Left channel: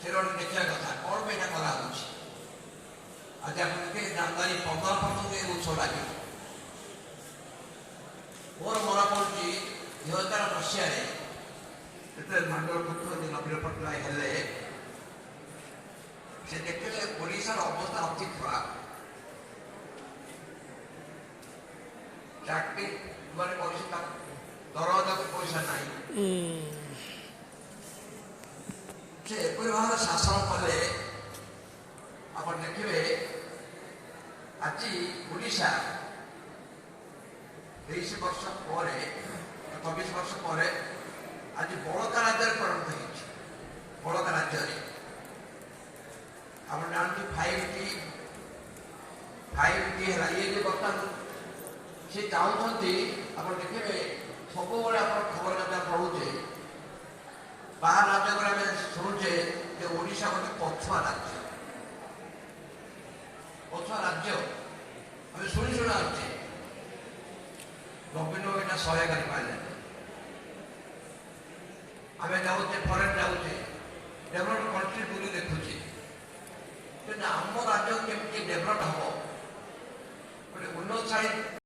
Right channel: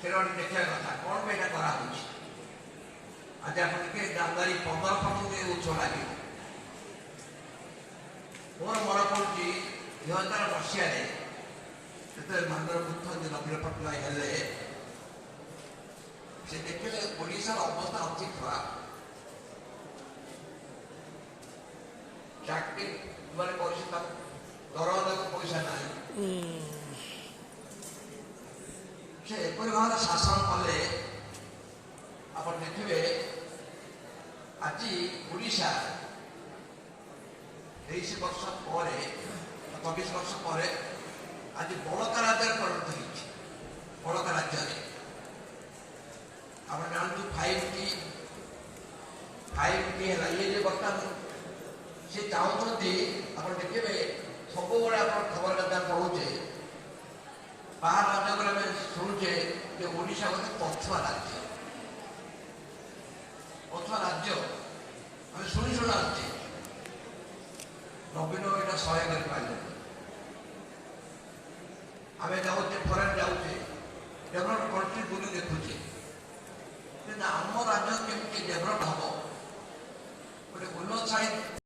সেটা ଦେଖିବା କଥା କ'ଣ ପାଇଁ ଏଇଟା କରାହେଉଛି। ଆଜି ଆପଣ ଦେଖିବେ ଜାନୁଆରୀ 15 ଏ ଉତ୍ସବ ଲାଗିଛି। ମୋର ମନେ ପଡ଼ୁଛି 2000 ମସିହାରେ ଯେତେବେଳେ ମାନ୍ୟବର ମୁଖ୍ୟମନ୍ତ୍ରୀ ନବୀନ ପଟ୍ଟନାୟକ ହେଲେ ସେ ଦେଖିଲେ ଓଡ଼ିଶାର ଅବସ୍ଥା ଅତି ଖରାପ। ଚାକିରି ମାନେ ପଇସା ଦରଦାକୁ ପଇସା ନାହିଁ। ସେ ଏପରି ଭାବରେ ଶାସନ କଲେ ଆପଣ ଦେଖିବେ ଆଜି ଓଡ଼ିଶା 23 ବର୍ଷ ପରେ 24 ବର୍ଷ ପରେ ଆଜି ବଳକା ରାଜ୍ୟରେ ପରିଣତ ହେଇଛି। ବଳକା ରାଜ୍ୟରେ ଆପଣ ଜାଣନ୍ତୁ 5T ହେଲା ଇଏ ଯେ ବର୍ତ୍ତମାନ ସେ ଚାହୁଁଛନ୍ତି। ଆପଣ ଦେଖିବେ ସବୁବେଳେ ଆପଣ ଖବରକାଗଜ ପଢ଼ୁଛେ ବାହାର ରାଜ୍ୟରେ ଆମେ ଶୁଣୁଛେ ଯେ ଓଡ଼ିଶା ଗୋଟେ ପଛୁଆ ରାଜ୍ୟ। ପଛୁଆ ରାଜ୍ୟ ଆମେ ଶୁଣି ଆସୁଛେ। ନବୀନ ଏଇଟା ସହାୟ କରିପାରିଲେନି। ଆମେ ଯାଉଛେ ଫରେନ୍ ଯାଉଛେ ଡେଭଲପ କଣ୍ଟ୍ରି ବୁଲି ଦେଖୁଛେ କିନ୍ତୁ ଆମ ରାଜ୍ୟ କେମିତି ଡେଭଲପ ହବ ଗୋଟେ ଉନ୍ନତଶାଳୀ